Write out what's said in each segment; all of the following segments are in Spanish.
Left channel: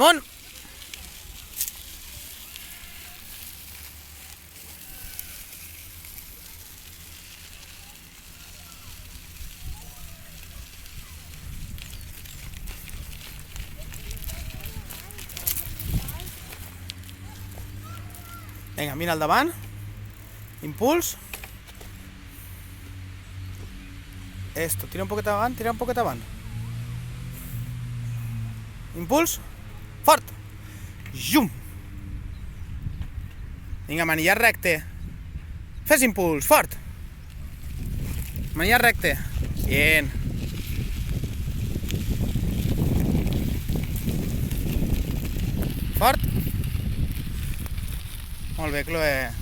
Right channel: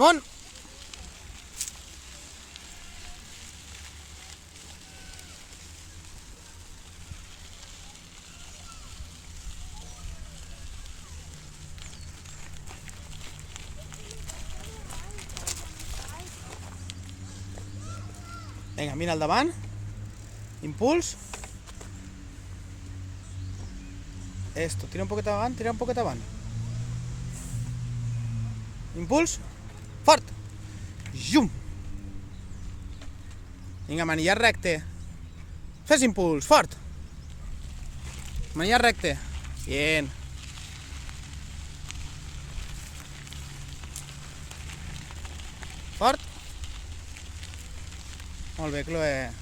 Amunt! Vinga, mira al davant. Impuls. Esto, tira un poquet avant, tira un poquet avant. Impuls. Fort. Zum. Vinga, manillar recte. Fes impuls, fort. Manillar recte. Bien. Fort. Molt bé, Chloe.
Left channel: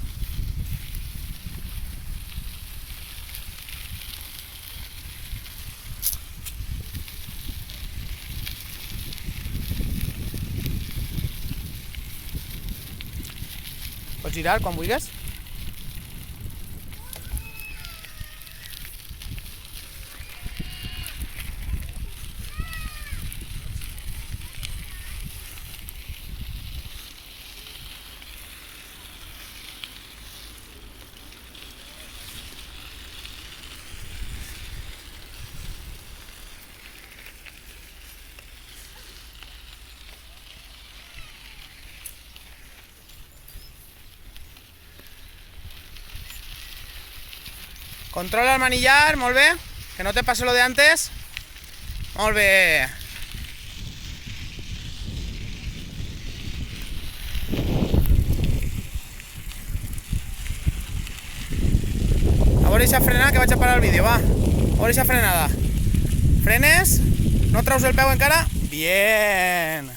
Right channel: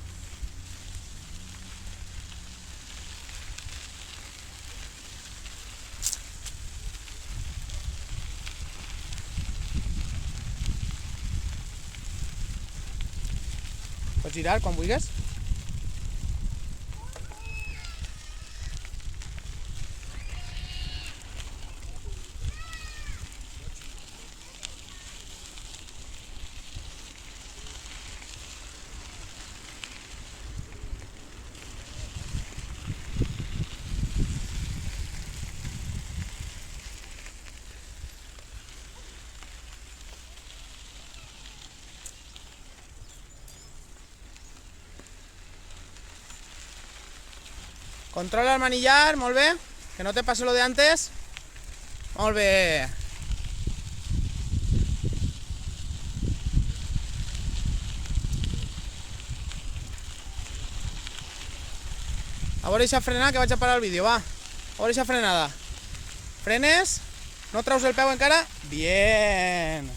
Pots girar quan vulguis. Controla el manillar, molt bé. Que no te pase lo de antes. Molt bé. A veure si frenar, que vaig a parar el vídeo, va. A veure si frenada. Frenes. No traus el peu encara? Bien.